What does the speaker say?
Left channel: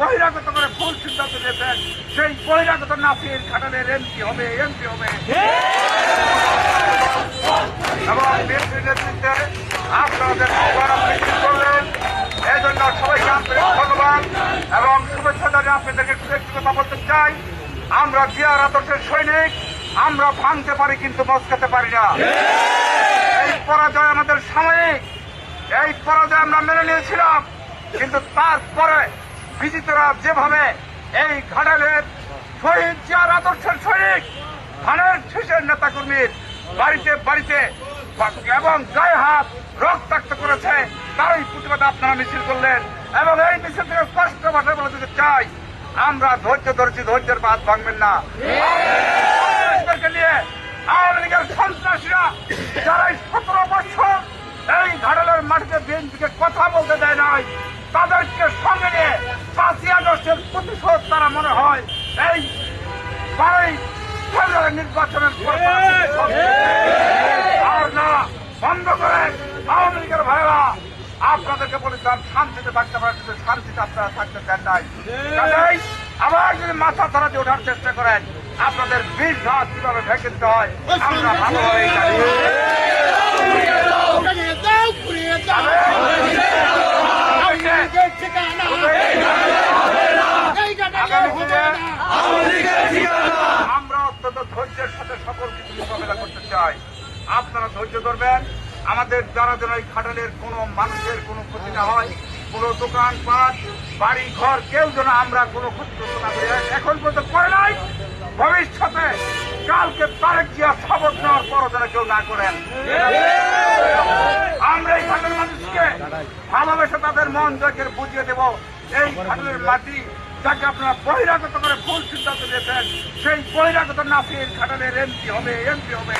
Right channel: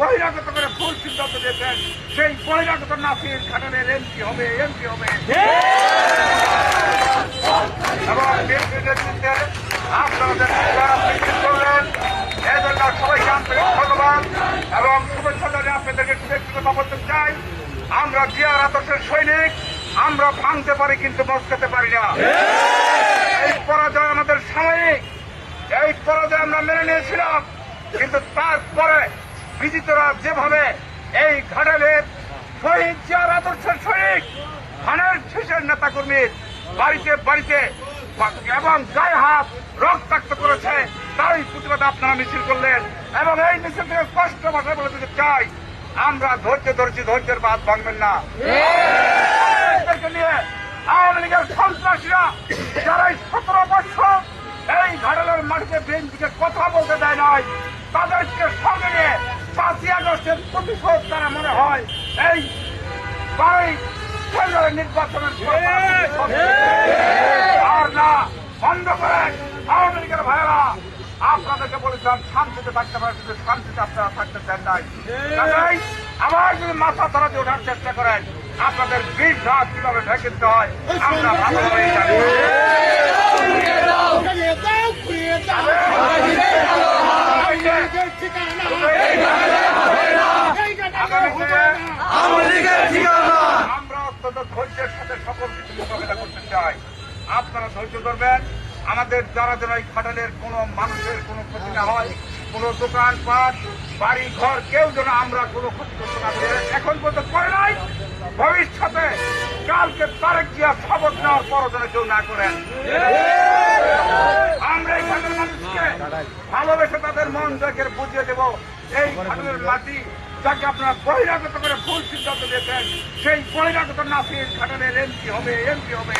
বহিরাগত করে ভুল সিদ্ধান্ত দিয়েছেন, সেই বহিরাগত নাসির খানের এমপি হবে এবং বিএনপির নেতৃত্বে আপনাদের করলেন। এই জন্য সবাইকে আন্তরিক ধন্যবাদ এবং শুভেচ্ছা জানিয়ে আপনাদেরকে ব্যক্তিগত বলতে চাই, আমরা জিয়ার আদর্শের সৈনিক, আমরা ভাঙতে পারি কিন্তু মস্কাতে পারি না। এই পরাজয় আমাদের সাময়িক, এই পরাজয় আমরা মেনে নিয়েছিলাম, কিন্তু তারপরে বিজিতরা যেভাবে এই ঘাটালের শহীদ জিয়ার আদর্শের সৈনিক ধানের শীষের নেতাকর্মীর বাড়িতে বাড়িতে এবং গায়ে হাত রক্তাক্ত করেছে, তারই প্রতিবাদে আপনারা মিছিল করলেন। এবং এই মিছিল থেকে স্পষ্ট ভাষায় বলে দিতে চাই, আমরা ধৈর্য ধরেছি, ধৈর্যের বাদ ভাঙবেন না। নিয়ে আওয়ামী লীগের সন্ত্রাসীরা যারা 17 বছর এই ঘাটালের মাটিতে বিএনপিকে কথা বলতে দেয় নাই, তাদেরকে সঙ্গে নিয়ে 5ই আগস্টের প্রতিশোধ তারা মনে হয় এই 12 নির্বাচনের আর না বন্ধ করে। আওয়ামী লীগের ভাইয়েরা আপনাদেরকে বলেছিলাম শান্তিতে থাকতে পারেন, কিন্তু শান্তিতে আপনারা থাকতে চান নাই। আবার যদি মাথা ধরা দিয়ে ওঠার চেষ্টা করেন, আপনাদের বীর রাত কিভাবে ঢেকে দিতে হয় আমরা ভালোভাবেই জানি। আমরা অত্যন্ত ধৈর্যের সাথে সকল কিছু মোকাবেলা করতে চাই। আপনারা ধৈর্য ধরবেন, আমাদের যারা যেন এই ঘাটালের কোনো মানুষের কোনো ক্ষতি না হয়, কোনো দোকানপাট বাড়ি ঘর কেউ যেন আমরা কোনো ক্ষতিগ্রস্ত না করি। এখন পর্যন্ত করে নাই, ভবিষ্যতে কালকে তারেক জিয়া শপথ নেওয়ার পরও যেন কেউ না করেন। আমরা এই ঘাটালের মানুষকে ভালোবেসে তাদের মন জয়কে বুঝিয়ে দেব, এই ঘাটালের মাটি যাকে আপনারা বহিরাগত করে ভুল সিদ্ধান্ত দিয়েছেন, সেই বহিরাগত নাসির ঘাটালের এমপি হবে।